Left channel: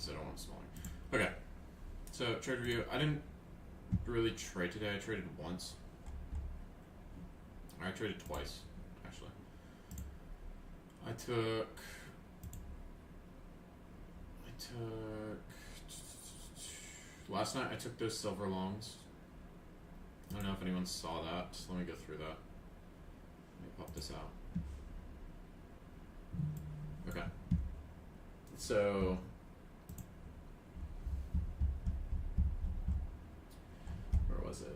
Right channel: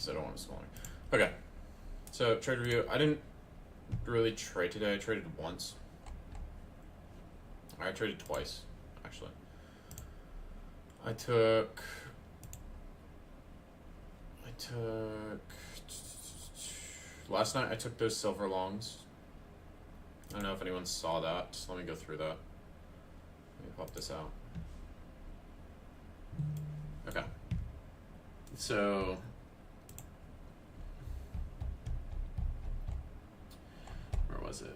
because I don't want to smaller. Okay, so trade review. I didn't really trade today. I traded once. I traded twice, actually. I took last night I took those silver longs. I don't know if anyone saw that. Just let me go through that. Let me pop this out. Okay. So where was it?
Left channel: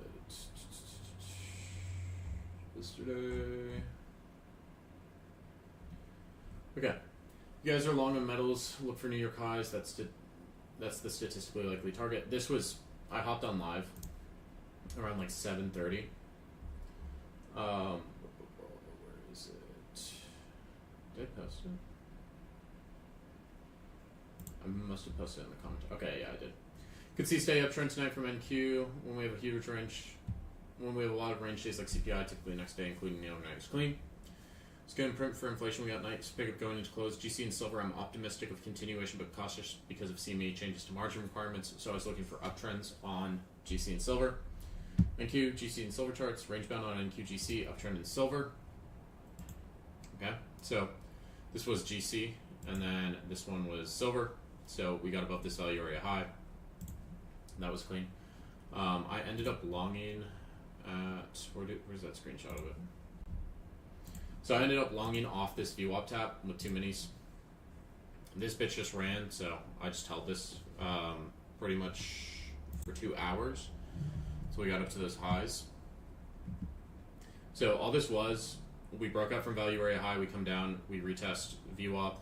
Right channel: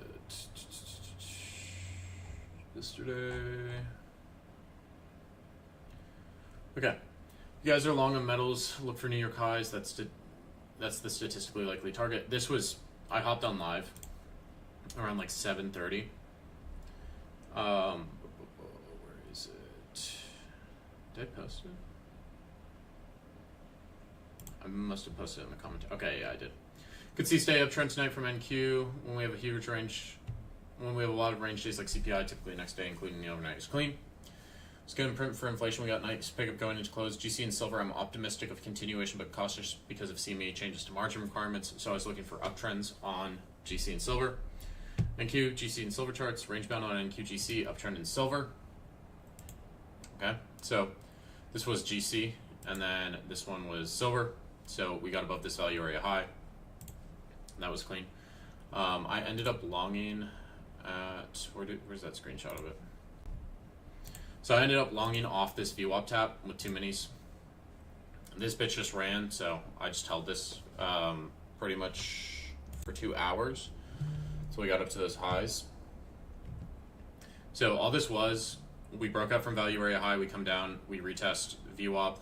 Yesterday. Okay. You guys are long on metals. Look for New York highs. That's the statistically likely target. This was, I hopped on live around like 7:30. Where is it? Did I post it? I must have posted it in the comment. Okay, yeah, I did. Could see stay uptrend tonight from NQ when we have a huge range. When we have a lot of range days like CPI, typically next day, including the overnight, is clean. It's good in print for inflation. We got nice pickup going into close. GC and silver, I'm optimistic of continuation, but cautious because of CME changes to margin requirements. So I was looking for uptrends on GC and silver. NQ, GC and silver charts, range bound on NQ, GC, uptrend in silver. Okay, so this was GC, and then this one was silver. So we got above this value area high. And that was clean. I ended up longing at, where's that screenshot of it? So I ended up longing off this VWAP tap with 2 minis. This bitch just ran, so I just held this pretty much for 2 hours. So we got up to those highs. So all this was, we broke up from value area high, we come down, we retest VWAP,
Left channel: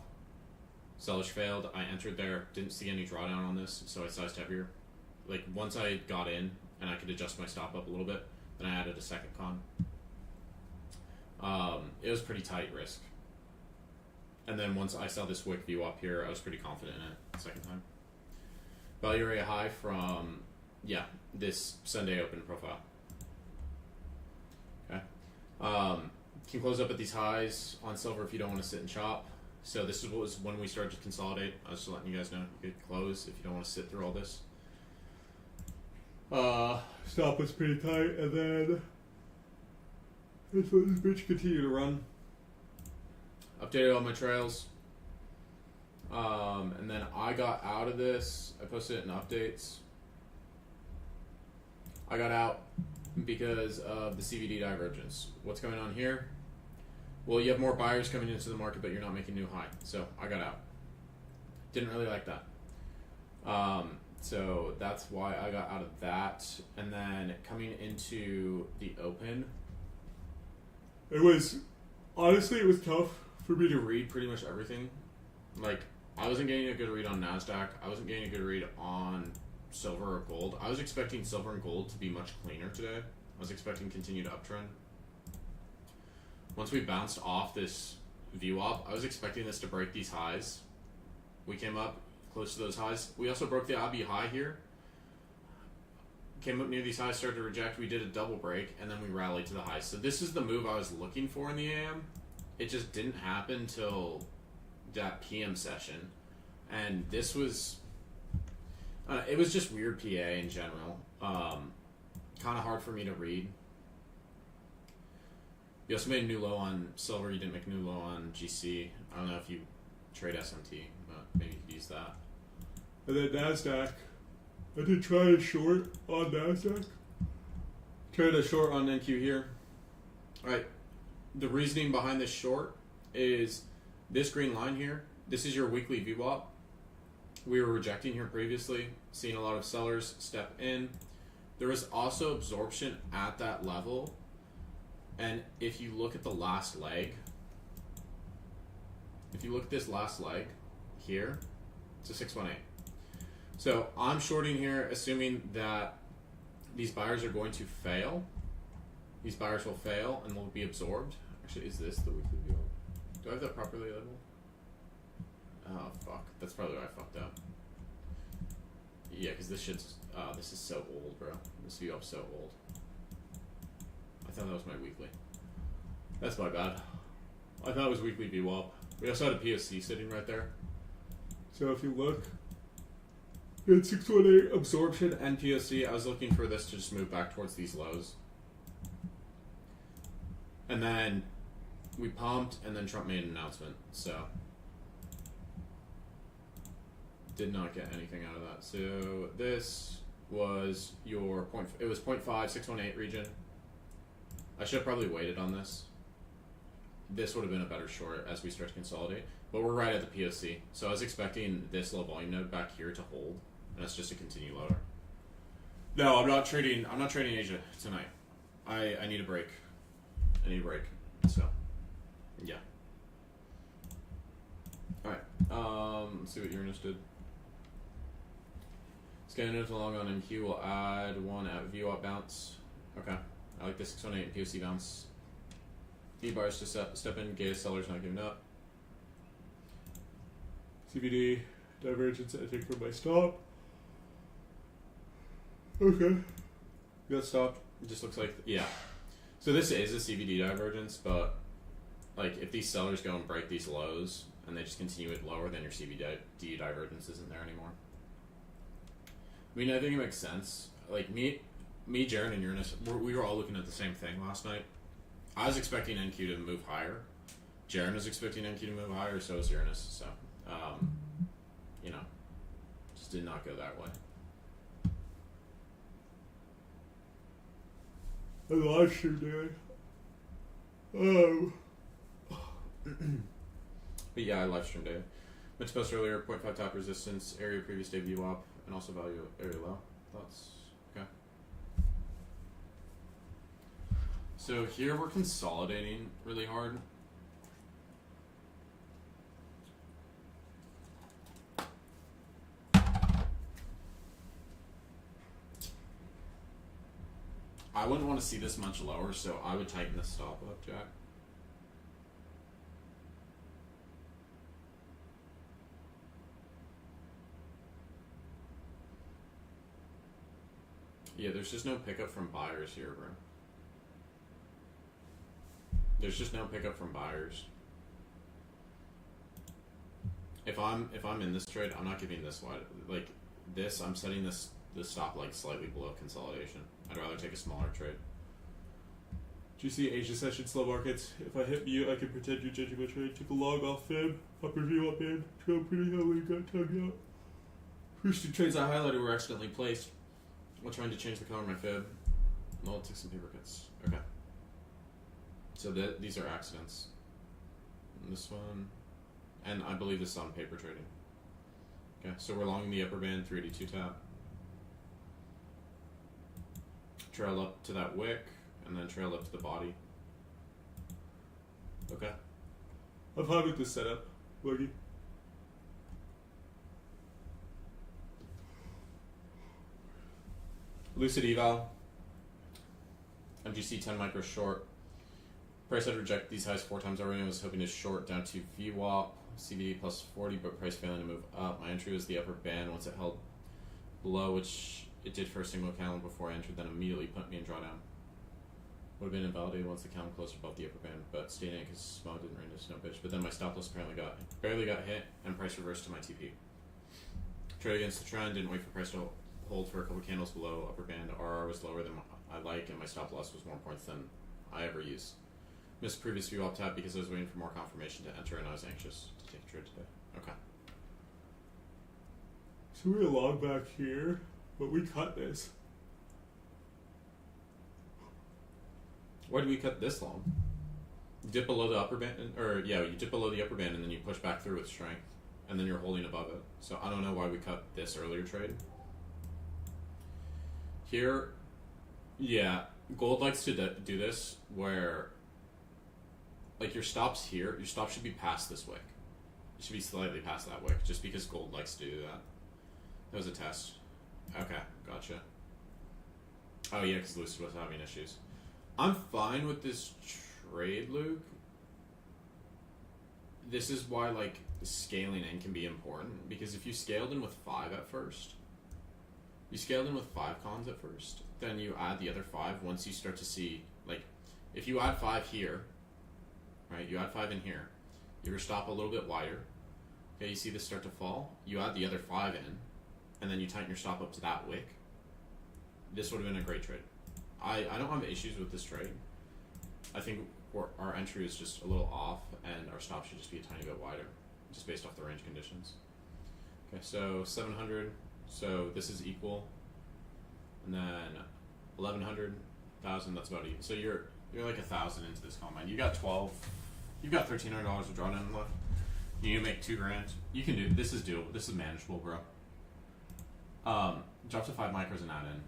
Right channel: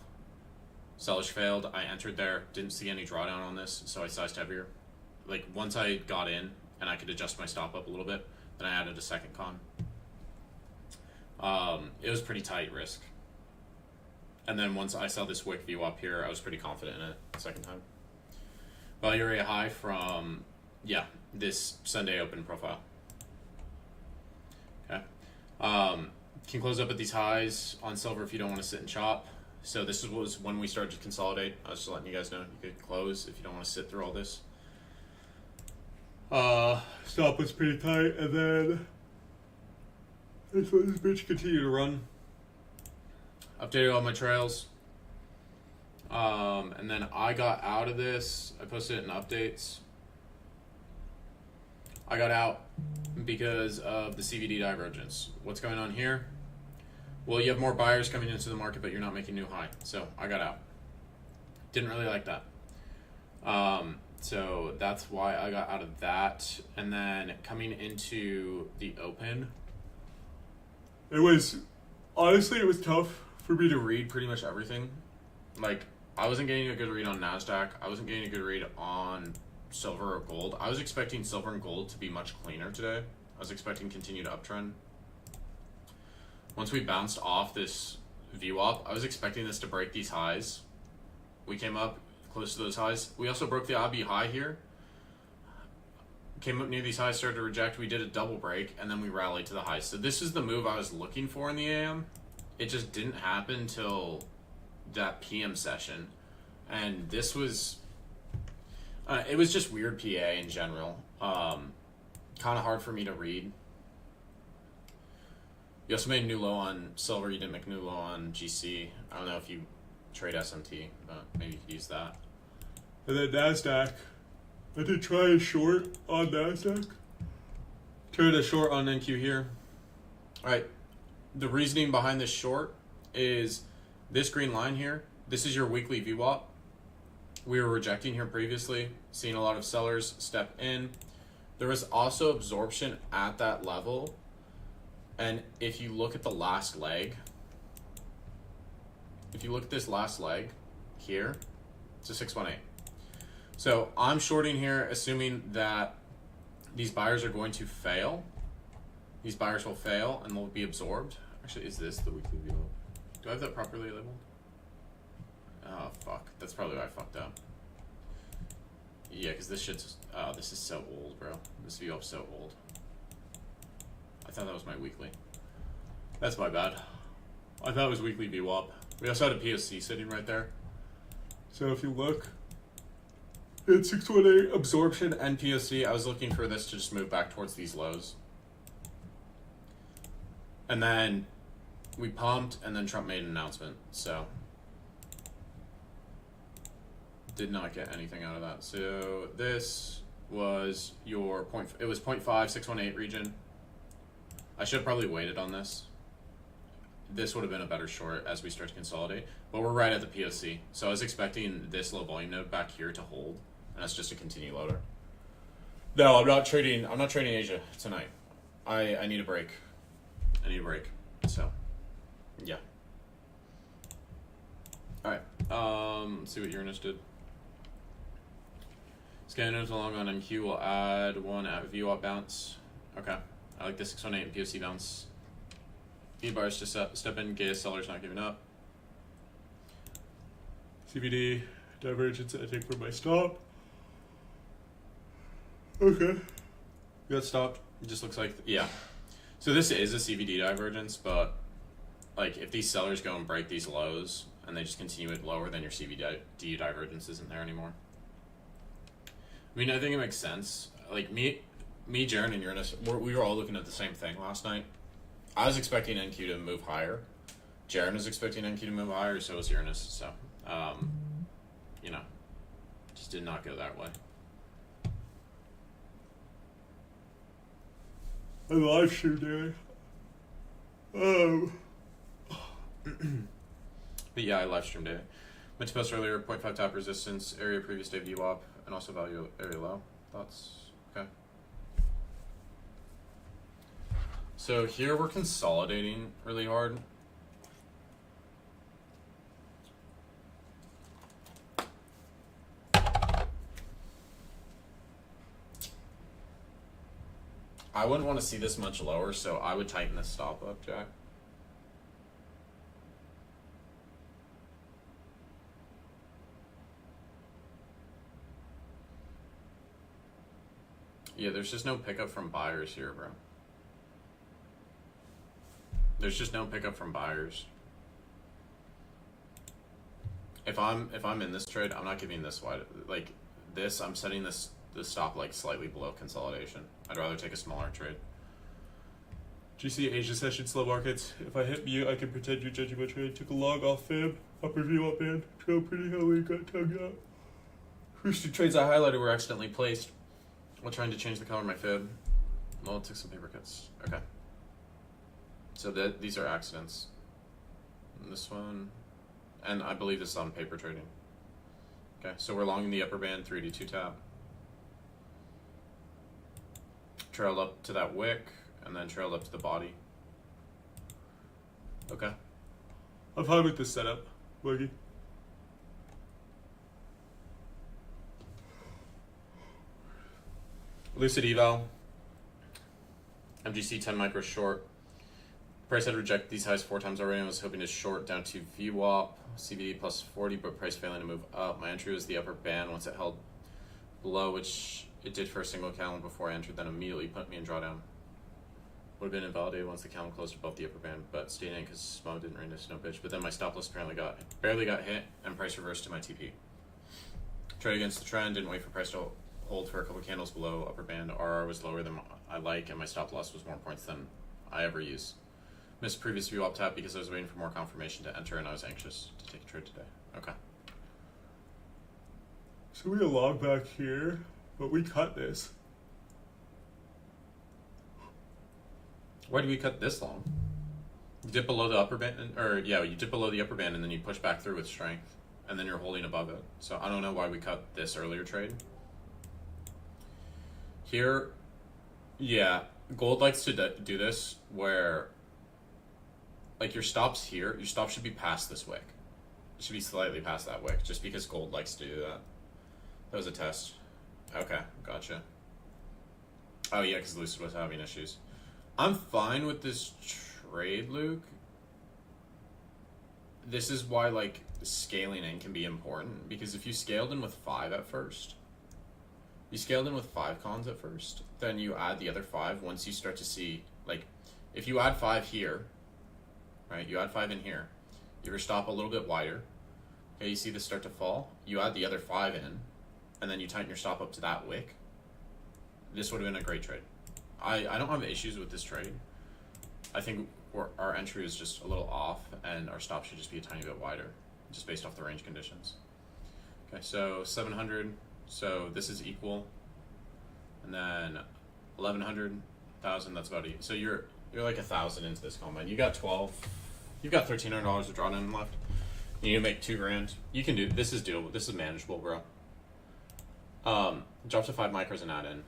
sellers failed, I entered there, didn't see any drawdown on this, so I sized heavier. Like once I got in and I could adjust my stop up a little bit, then I added a second con. It was pretty tight risk. And then once I saw this wick view up here, I was pretty confident in it the second time. Value area high from, yeah, this Sunday open profile. Okay. Can close up at these highs on silver if you don't want to sit and chop. So this was when we started to consolidate. I was just letting you guys know you could close if you don't want to sit through all this. Stop was pretty tight, and then this bitch continued to run. Updated all my trails. And then I got out of this. I posted it in updates. I got out because of the CVD divergence. What's going on here? Well, you have more buyers coming into the market, but you're not making new high. So I got out. Didn't really like that. So that's why I got out of that. And then coming into the open, it was tough for me to read pretty much everything. Like, I wasn't getting a good read on NASDAQ. I wasn't getting a good read on silver or gold. I was expecting silver and gold to be much cleaner today. I was expecting continued uptrend. Once we bounced off this VWAP, I was expecting this to break these highs. We came up close to those highs. We also broke the IB high here. Came up near these highs, started to reject. We did a double break, and then we rallied to the highs. So this is the move I was looking for in the AM. It just didn't happen till that PM session. And this was, it was just weird PA in general. Kind of hard for me to read. You also made a new low on silver. You didn't make a new low on GC. I don't know if you trade SMT, but maybe you could use that. And then NASDAQ. I did try a short on NASDAQ. Tried a short on NQ here. All right. The reasoning behind this short is this green line here. This is your weekly VWAP. We were rejecting here previously, seeing a lot of sellers step in. There was also absorption at that level. And if you look at the last leg, if you look at this last leg here, it's a 618. So I'm shorting here, assuming that these buyers are going to fail. These buyers will fail and they'll be absorbed. Actually, is this the weekly view? Do I have that properly labeled? Oh, fuck. That's probably why I fucked up. Yeah, because this shit's... Oh, this is so old, bro. This view up's so old. I thought that was my weekly. That's my bad. I thought it was weekly VWAP. We also had a POC sitting right there. So if you look, We had 618 absorption and POC. I was looking for this to just move back towards these lows. And then we pumped, and then Trump made an announcement. So did not get anything out of that. So this was your point. It was 0.5, 618 region. I should have probably waited on this. This would have been a better short as we start to consolidate. But we're right at the POC. So I was expecting this low volume node back here to hold. And that's just a continue loader. No, I'm not trading Asia tonight. I need a break. So yeah. Alright. Let's see what Uranus did. Scanning along on MQ will add one at VWAP bounce. Okay. I like the 618 and POC bounce. V bars to step in, Gaius sellers not giving up. CVD divergence I take for my stop. Okay. Got stopped. It just looks like, yeah. So this is a CVD divergence, but like if these sellers go and break these lows and they just continue it lower, then your CVD divergence isn't there anymore. I mean, I think it makes sense. Like me, Jaren, and Uranus, we were all looking at the same thing last night. I was expecting NQ to move higher. Jaren was expecting NQ to move higher, so was Uranus. So, you know, just did not go that way. I live stream daily. But yeah, I live stream daily. Meant to post earlier, 0.5 top resistance, area previous day VWAP, and also value area low. Thoughts? Okay. So here we're consolidating really hard. I wouldn't want to see this much lower, so I would tighten the stop up, Jack. Yeah, there's just no pickup from buyers here, bro. There's just no pickup from buyers. If I'm in this trade, I'm not giving this wide. Like this, I'm setting the stop like slightly below consolidation. I'd rather take a smaller trade. GC Asia session slow markets. If I hit mute, I can pretend you're judging my trade. Took a log off fib, upper view up band. Trailed pretty heavily, got tugged out. First two trades I highlighted were accidentally placed while trying to change the color of my fib. Well, it took some paper cuts. Okay. So these are accidents. And this one, and I believe this is on paper trading. Okay, so we're long in the upper band, 3D2 tap. Trailed up to that wick, and then trailed up to the body. Okay. I'm fine with this setup, Wiggy. Lucid eval. MGC 10 micro short. Price had rejected these highs 4 times already. I was hoping to short down to VWAP, CVD plus 40, but price failing to move up. My entry was the upper band once it held below, which it did for a single candle before I entered, then immediately put me in drawdown. Would have been invalidated once the candle closed above the upper band, but stayed in because Smo didn't rain this no bitch. But then my stop loss apparently barely got hit, and price reversed to my TP. Trade against the trend, didn't wait for price to hold for a couple candles below upper band. RR was lower than I like, and my stop loss was more points than I ever use. Missed previous VWAP tap because I was waiting for more confirmation to enter, and I was anxious to take a trade today. Okay. So we log back here, but we cut this. Why do we cut this long? You dip below the upper band, you dip below the upper band and then you push back through with strength, and then you're holding above it. So I don't know why we cut this earlier trade. Here, yeah, gold likes to do this where, like your stops here, your stop should be past this wick. It should be slightly past that wick, just because gold likes to do that. That was a test. Okay, gotcha. Oh yeah, because Lucid was having issues. I'm fine with this trade, Luke. This is why, like, scaling in can be important, because if you scaled in with 5 at first, you scaled in with 5 cons at first, then you add the other 5 once you start to see, like, if you add 5 here, right, you add 5 in here, you stop a little bit wider, okay, you see this start to fall, you add the other 5 in, and then you tighten your stop up to that wick, this would have been a great trade. I don't have issues with this trade. I think our entry is just a little off, and our stop should just be a tiny bit wider, just based off the range conditions. Okay, so 700, so this is equal, and then 1100, 1000, that's about it. So you're like 1,000 into this combine. You got 12, you've got $1,300 of drawdown left. You need to make $2,000. You can do this. Is doable. This is manageable, bro. Drop to 5 micros and add in.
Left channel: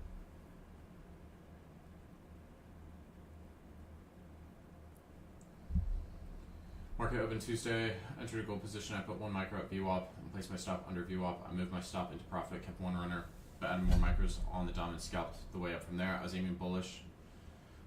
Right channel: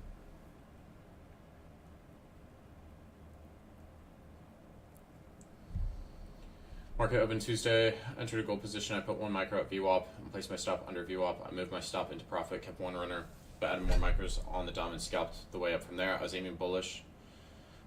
Market open Tuesday. Entered a gold position. I put 1 micro at VWAP and placed my stop under VWAP. I moved my stop into profit, kept 1 runner, but added more micros on the dom and scalped the way up from there. I was aiming bullish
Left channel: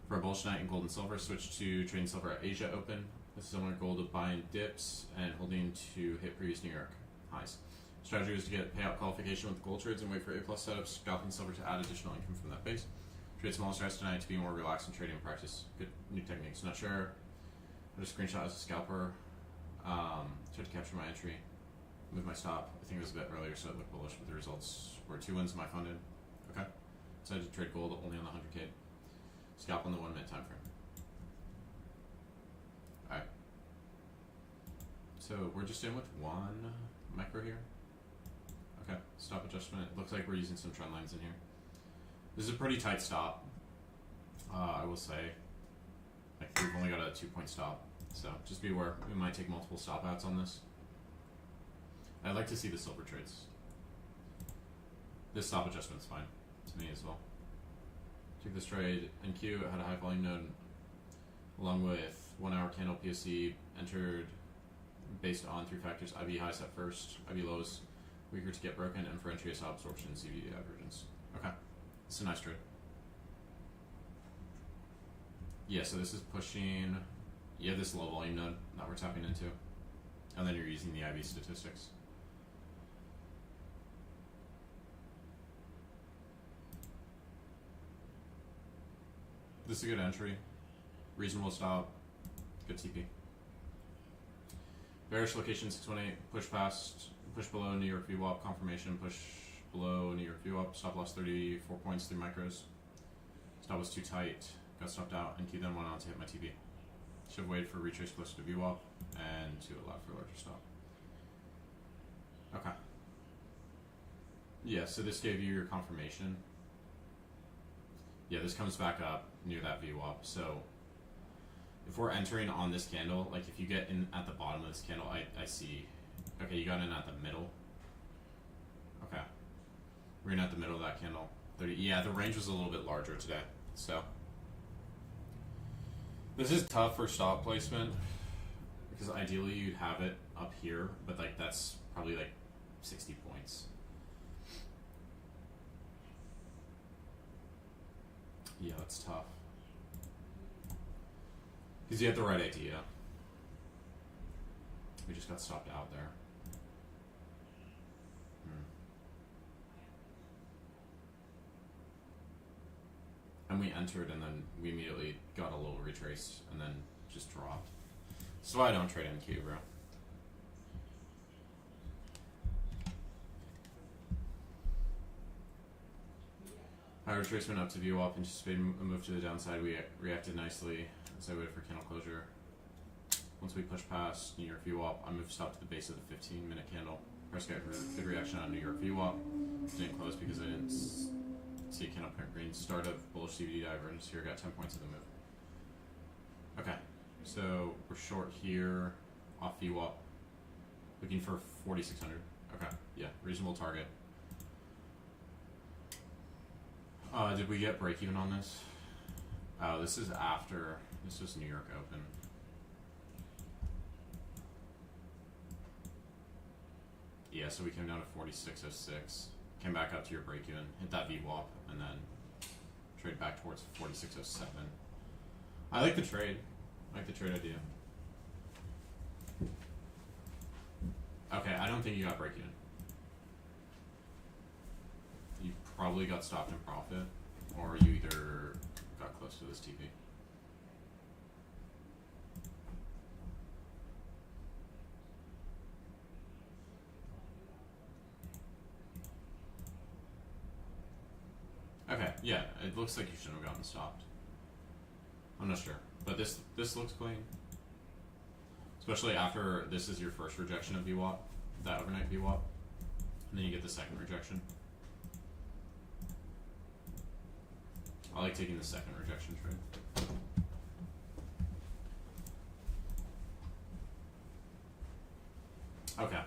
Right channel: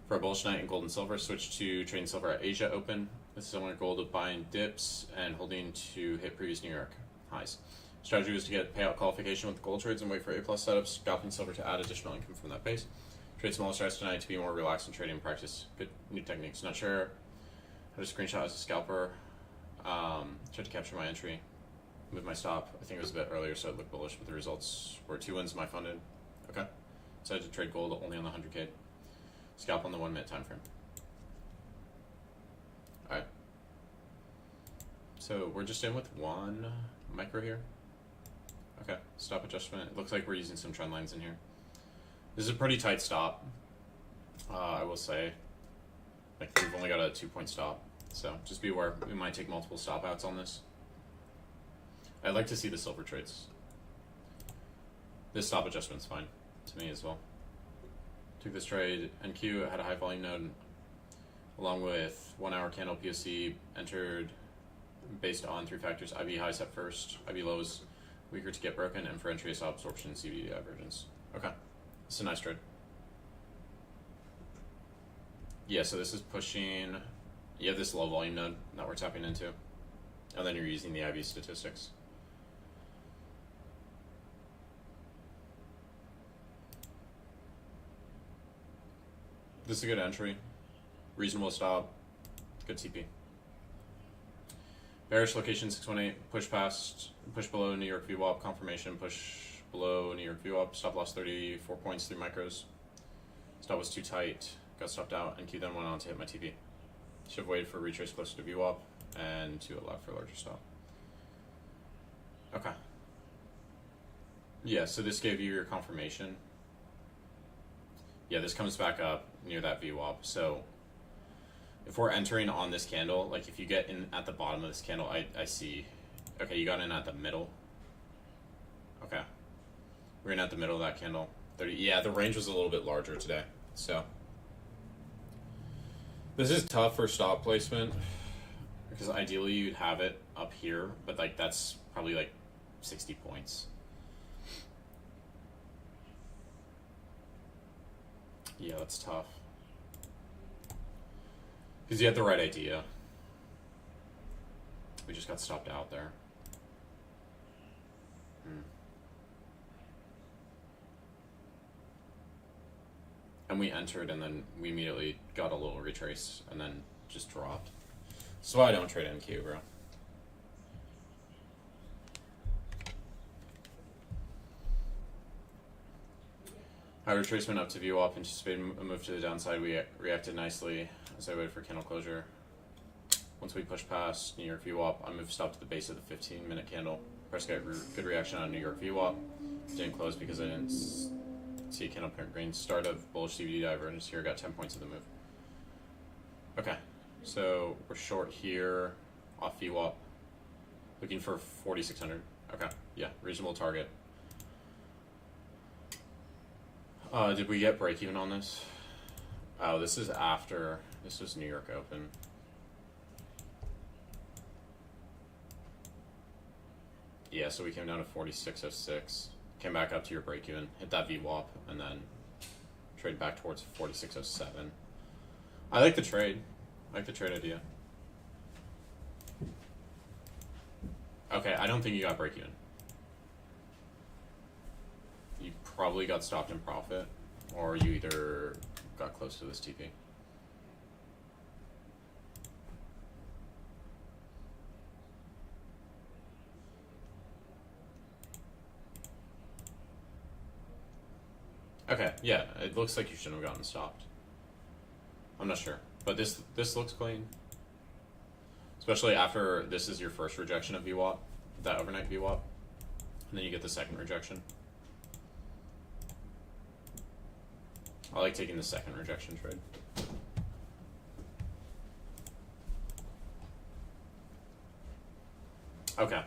for a bullish night in gold and silver. Switched to trading silver at Asia Open. This is similar gold of buying dips and holding to hit previous New York highs. Strategy was to get payout qualification with the gold trades and wait for A+ setups, scalping silver to add additional income from that base. Trade smaller strikes tonight to be more relaxed in trading and practice good new techniques. Not sure how to screenshot as a scalper. Tried to capture my entry, move my stop. I think it was a bit earlier, so it looked bullish, but the results were 2 wins my funded. Okay. Decided to trade gold only on the 100K. Scalp on the 1 minute time frame. Alright. So we're just in with 1 micro here. Okay, stop adjustment. It looks like we're using some trend lines in here. This is a pretty tight stop. I will say. Like, we've only got a 2-point stop. So just be aware, we might take multiple stop outs on this. I'd like to see the silver trades. This stop adjustment's fine to me as well. Took this trade, NQ, had a high volume node along with 1 hour candle POC, entered based on 3 factors: IV highs at first, IV lows weaker to get broken, and for entry stop absorption and CVD divergence. Okay, it's a nice trade. Yeah, so this is pushing, you have this low volume node that we're tapping into, and then you're using the IV statistics. This is a good entry, reasonable stop, good TP. Bearish location 618, push past, push below New York VWAP, confirmation, push below New York VWAP, stop loss 34 points, 3 micros. Stop was too tight, got stopped out, and Q then went on to hit my TP. Should have waited for retrace closer to VWAP and to allow for a larger stop. Okay. Yeah, so this gave you your confirmation. Yeah, this comes back up near that VWAP. So if we're entering on this candle, like if you get in at the bottom of this candle, I see, okay, you got in at the middle. Okay. We're in at the middle of that candle. 30, yeah, the range was a little bit larger today. So this is tough for stop placement because ideally you'd have it up here, but like that's probably like 60 points. Yeah, that's tough. Because you had the right idea. We just got stopped out there. And we entered and then we immediately got a little retrace and then just dropped. That's why I don't trade NQ, bro. High retracement up to VWAP, anticipated a move to the downside. We reacted nicely as I waited for candle closure. Once we pushed past New York VWAP, I moved stop to the base of the 15-minute candle. Price got good reaction on New York VWAP. Didn't close because I didn't see a candle print green. Start of bullish CVD divergence here. Got 10 points of the move. Okay, so we're short here off VWAP. Looking for 4,600. Okay, yeah, reasonable target. Did we get break even on this? Oh, this is after. This was New York Open. Yeah, so we came down to 4606. Came back up to your break even, hit that VWAP, and then trade back towards 4607. I like the trade. I like the trade idea. Okay, I don't think you got break even. You probably got stopped in profit, or you either got close to this TP. Okay, yeah, it looks like you shouldn't have gotten stopped. I'm not sure, but this looks clean, especially after this is your first rejection of VWAP, that overnight VWAP, and then you get the second rejection. I like taking the second rejection trade. Okay.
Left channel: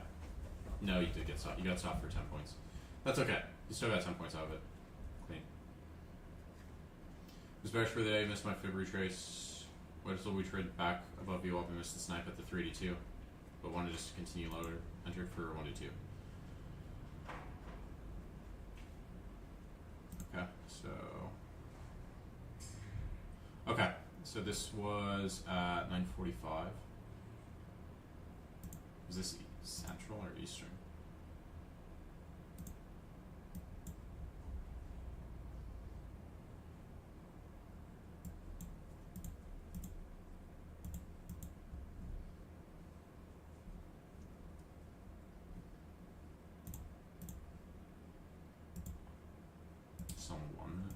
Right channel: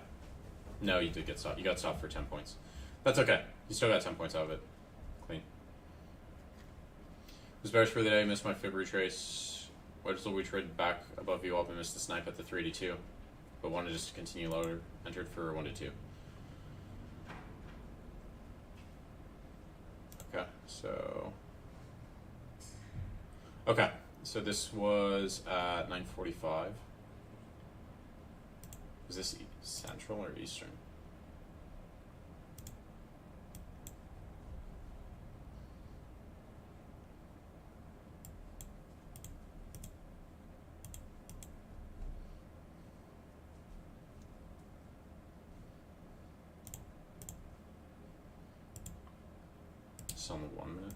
No, you did get stopped. You got stopped for 10 points. That's okay. You still got 10 points out of it. Clean. Was bearish for the day. Missed my fib retrace. Wedge till we trade back above VWAP and missed the snipe at the 382. But wanted just to continue lower. Entered for 1 to 2. Okay, so... Okay, so this was at 9:45. Is this Central or Eastern? It's on the 1 minute.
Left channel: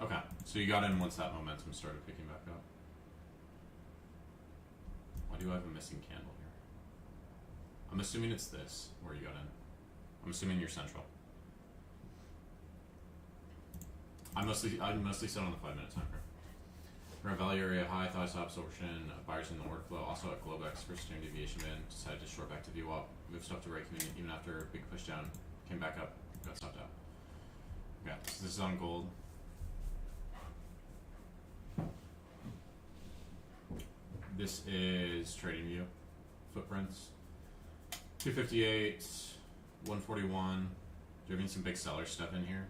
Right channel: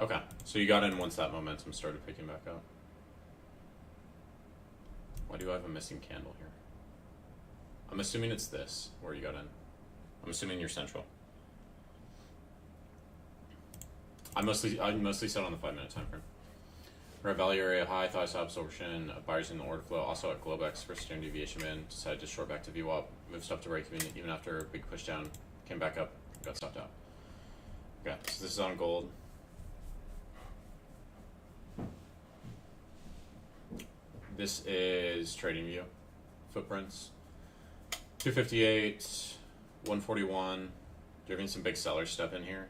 Okay, so you got in once that momentum started picking back up. Why do I have a missing candle here? I'm assuming it's this, where you got in. I'm assuming you're Central. I mostly set on the 5 minute time frame. Red value area high, thought saw absorption of buyers in the order flow. Also at Globex for standard deviation in. Decided to short back to VWAP. Moved stuff to right even after a big push down. Came back up, got stopped out. Okay, so this is on gold. This is TradingView footprints. 258, 141. You're getting some big sellers step in here.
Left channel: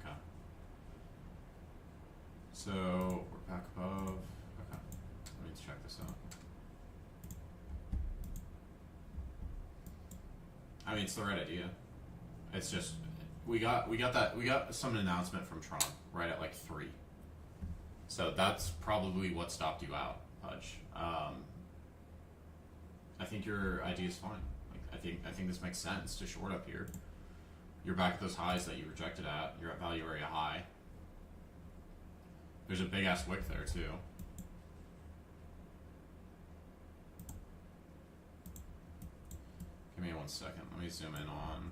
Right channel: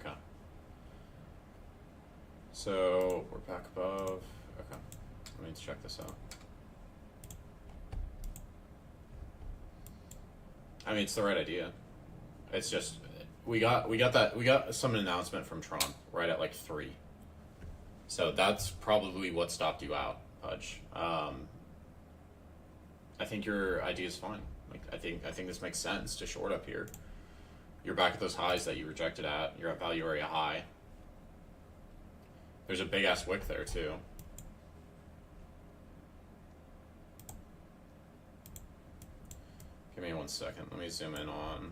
Okay. So we're back above. Okay. Let me check this out. I mean, it's the right idea. It's just we got some announcement from Tron right at like 3. So that's probably what stopped you out, Pudge. I think your idea is fine. Like I think this makes sense to short up here. You're back at those highs that you rejected at. You're at value area high. There's a big ass wick there too. Give me 1 second. Let me zoom in on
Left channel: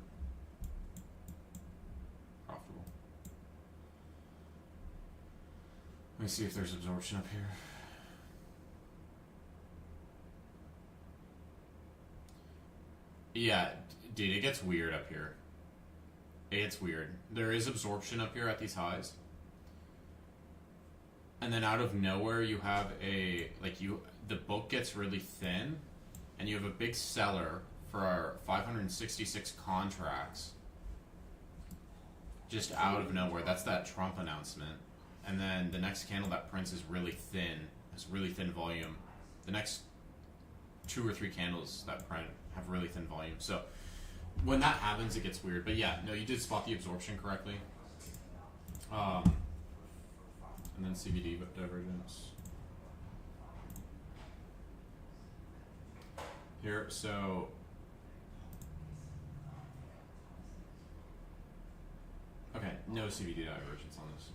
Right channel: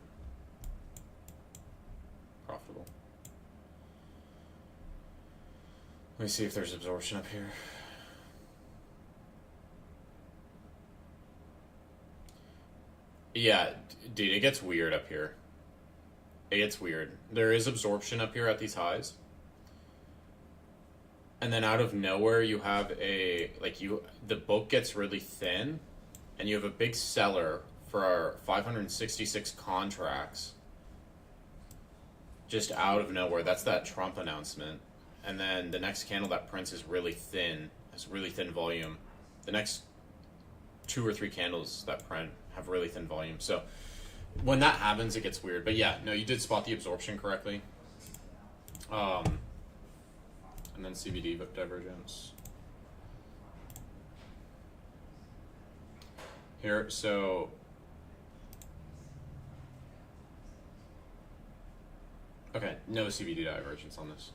profitable. Let me see if there's absorption up here. Yeah, dude, it gets weird up here. It gets weird. There is absorption up here at these highs. And then out of nowhere you have the book gets really thin and you have a big seller for our 566 contracts just out of nowhere. That's that Trump announcement. And then the next candle that prints is really thin. Has really thin volume. The next 2 or 3 candles that print have really thin volume. So when that happens, it gets weird. But yeah, no, you did spot the absorption correctly. And then CVD divergence. Here, so okay, no CVD divergence on this.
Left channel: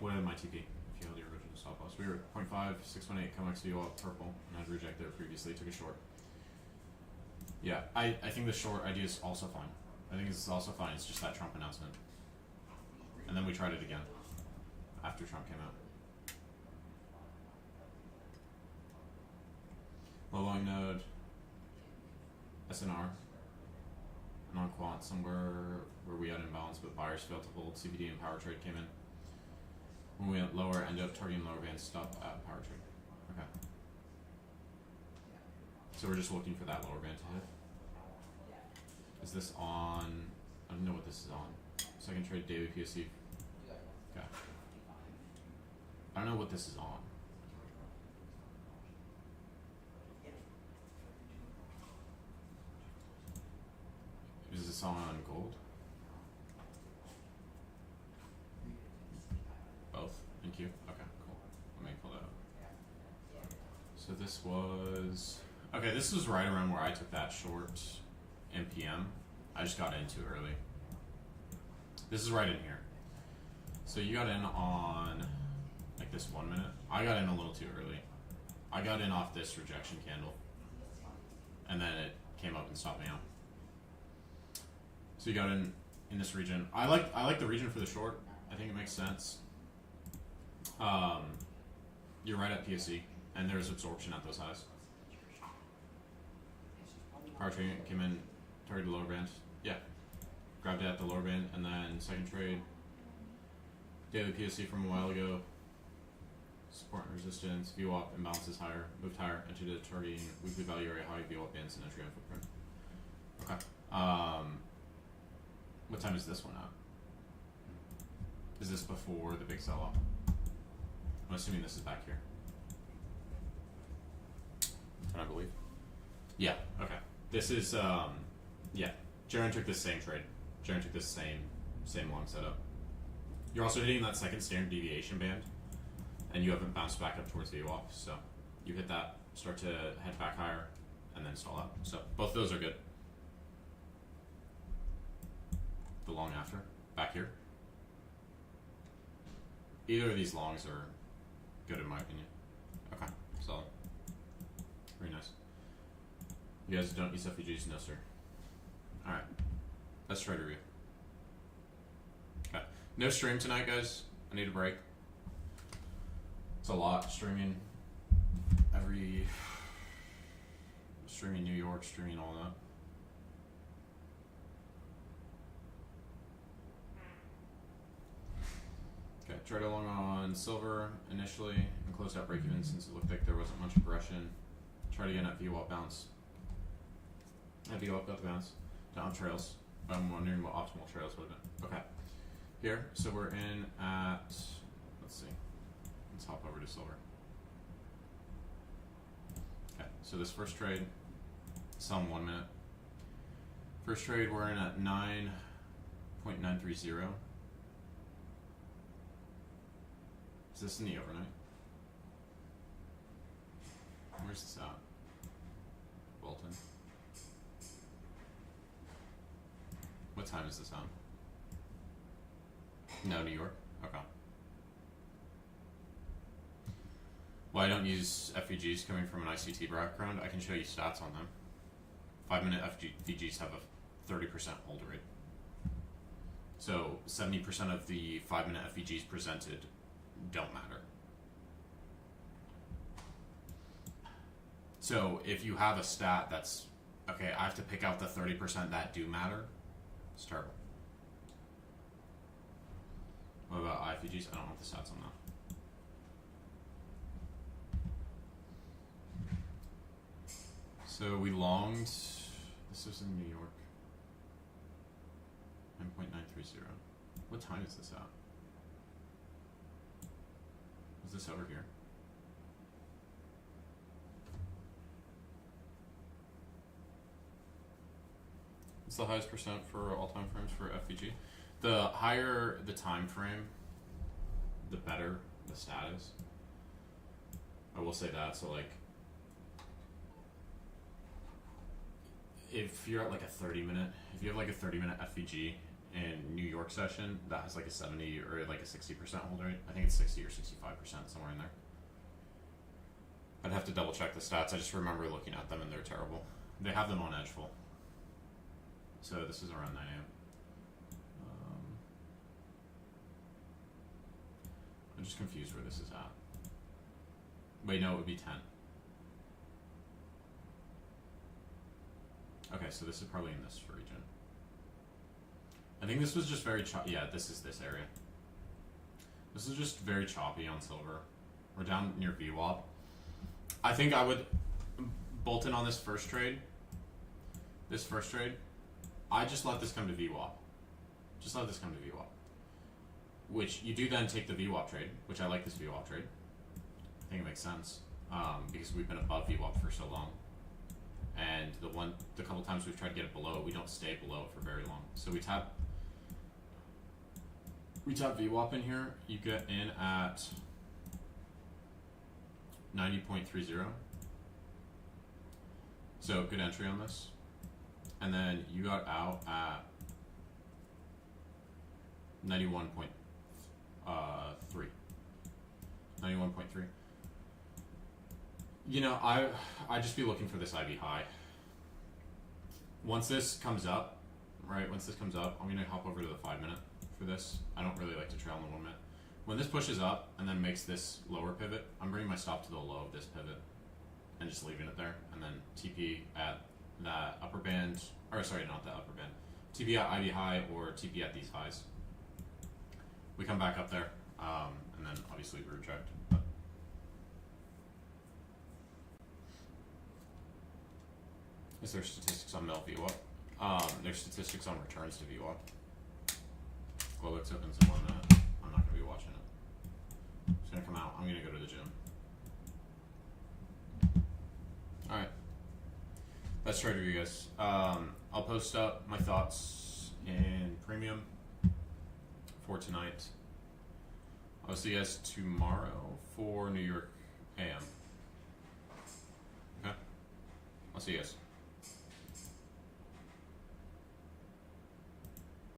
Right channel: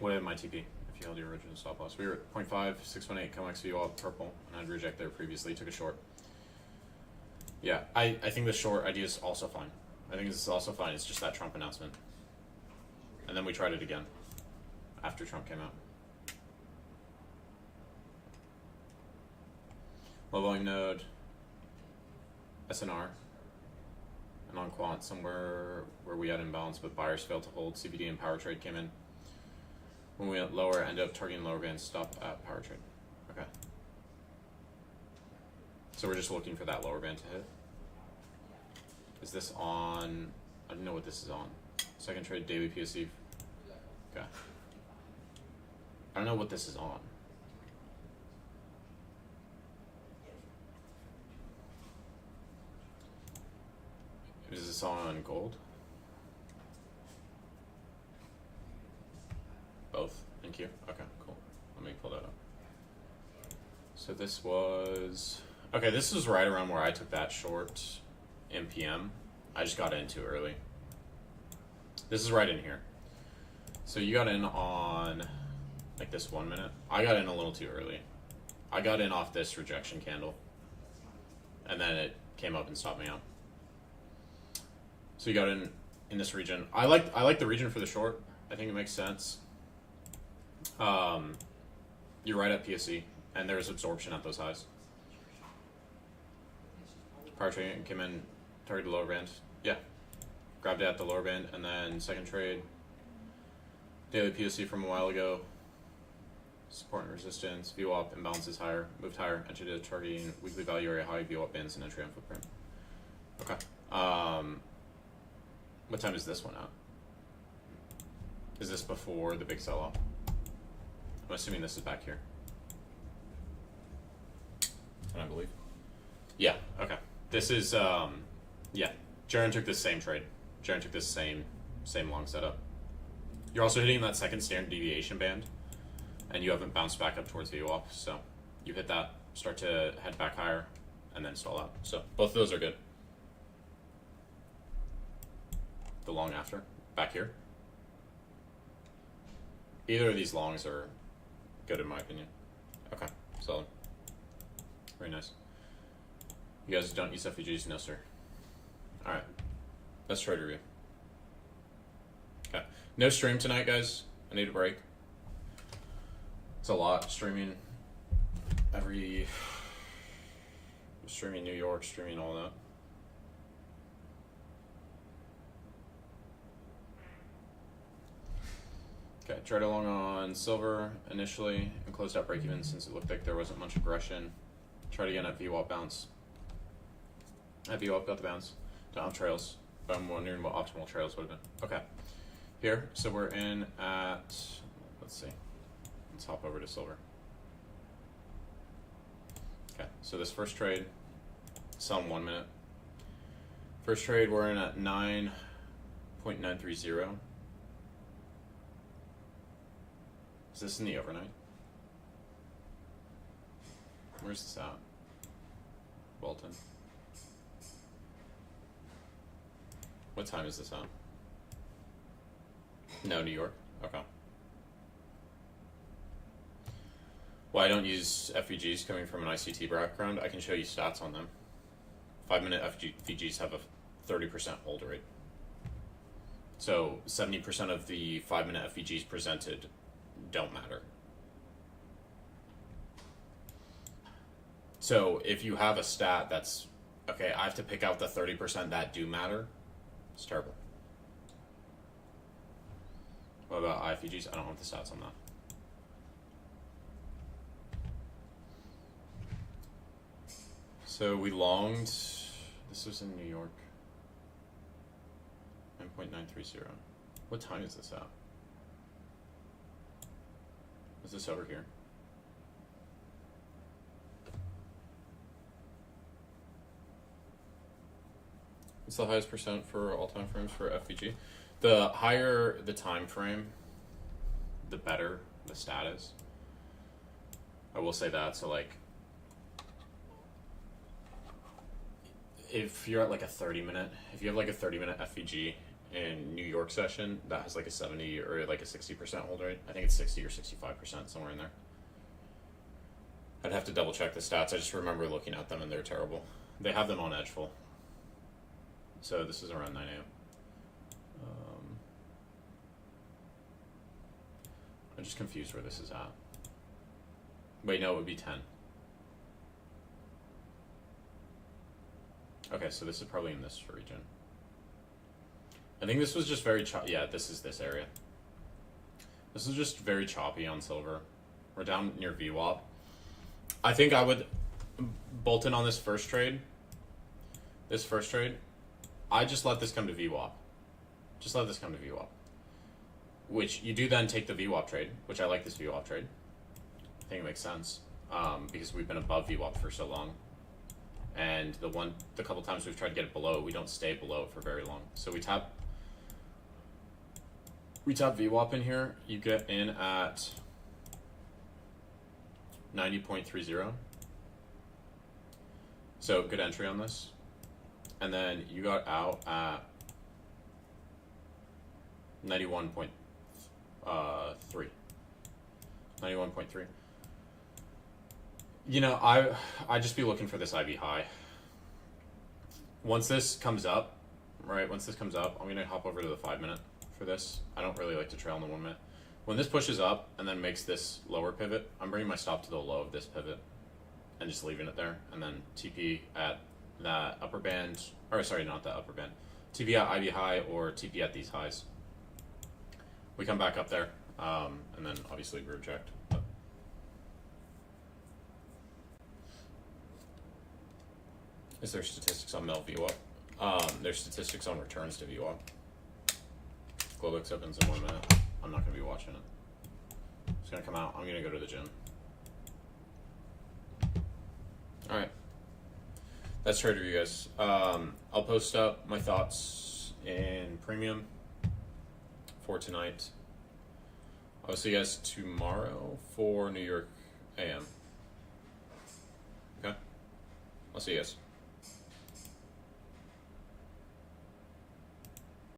What had my TP? If you held your original stop loss, we were at 0.5, 618, COMEX VWAP purple, and I'd reject there previously. Took a short. Yeah, I think the short idea is also fine. I think this is also fine. It's just that Trump announcement, and then we tried it again after Trump came out. Low volume node, SNR, and on quant somewhere where we had imbalance, but buyers failed to hold. CVD and power trade came in. When we went lower, ended up targeting lower band, stop at power trade. Okay. So we're just looking for that lower band to hit. Is this on? I don't know what this is on. Second trade, daily PSC. Okay. I don't know what this is on. Is this on gold? Both. Thank you. Okay, cool. Let me pull that up. So this was okay. This is right around where I took that short in PM. I just got in too early. This is right in here. So you got in on like this 1 minute. I got in a little too early. I got in off this rejection candle, and then it came up and stopped me out. So you got in this region. I like the region for the short. I think it makes sense. You're right at PSE, and there's absorption at those highs. Power trade came in, targeted lower band. Yeah, grabbed it at the lower band, and then second trade. Daily PSE from a while ago. Support and resistance. VWAP imbalances higher, moved higher. Entered it targeting weekly value area high. VWAP bands and entry on footprint. Okay. What time is this one at? Is this before the big sell-off? I'm assuming this is back here. Can I believe? Yeah. Okay. This is yeah. Jaren took this same trade. Jaren took this same long setup. You're also hitting that second standard deviation band, and you haven't bounced back up towards VWAP, so you hit that, start to head back higher, and then stall out. So both of those are good. The long after, back here. Either of these longs are good in my opinion. Okay, solid. Very nice. You guys don't use FVGs? No, sir. Alright, let's trade review. Okay, no stream tonight, guys. I need a break. It's a lot streaming streaming New York, streaming all that. Okay, tried along on silver initially and closed out break even since it looked like there wasn't much aggression. Tried again at VWAP bounce. At VWAP got the bounce. Don't have trails, but I'm wondering what optimal trails would have been. Okay, here, so we're in at, let's see, let's hop over to silver. Okay, so this first trade, sell in 1 minute. First trade, we're in at 9.930. Is this in the overnight? Where's this at? Bolton. What time is this on? No, New York? Okay. Well, I don't use FVGs coming from an ICT background. I can show you stats on them. 5 minute FVGs have a 30% hold rate. So 70% of the 5 minute FVGs presented don't matter. So if you have a stat that's, okay, I have to pick out the 30% that do matter, it's terrible. What about IFVGs? I don't want the stats on that. So we longed, this was in New York, 9.930. What time is this at? Is this over here? What's the highest percent for all time frames for FVG? The higher the time frame, the better the stat is. I will say that. So like, if you're at like a 30 minute, if you have like a 30-minute FVG in New York session, that has like a 70 or like a 60% hold rate. I think it's 60 or 65%, somewhere in there. I'd have to double check the stats. I just remember looking at them and they're terrible. They have them on Edgeful. So this is around 9 a.m. I'm just confused where this is at. Wait, no, it would be 10. Okay, so this is probably in this region. I think this was just very yeah, this is this area. This is just very choppy on silver. We're down near VWAP. I think I would bolt in on this first trade. This first trade, I just let this come to VWAP. Just let this come to VWAP. Which you do then take the VWAP trade, which I like this VWAP trade. I think it makes sense because we've been above VWAP for so long. and the couple times we've tried to get it below, we don't stay below for very long. So we tap VWAP in here. You get in at 90.30. So good entry on this. And then you got out at 91.3. 91.3. You know, I just be looking for this IV high. Once this comes up, right? Once this comes up, I'm gonna hop over to the 5 minute for this. I don't really like to trail in the 1 minute. When this pushes up and then makes this lower pivot, I'm bringing my stop to the low of this pivot and just leaving it there, and then TP at that upper band, or sorry, not that upper band. TP at IV high or TP at these highs. We come back up there, and then obviously we reject. But is there statistics on Mel VWAP? There's statistics on returns to VWAP. Globex opens in 1 minute. I'm not going to be watching it. It's going to come out. I'm going to go to the gym. Alright. That's trade review, guys. I'll post up my thoughts in premium for tonight. I'll see you guys tomorrow for New York AM. Okay? I'll see you guys.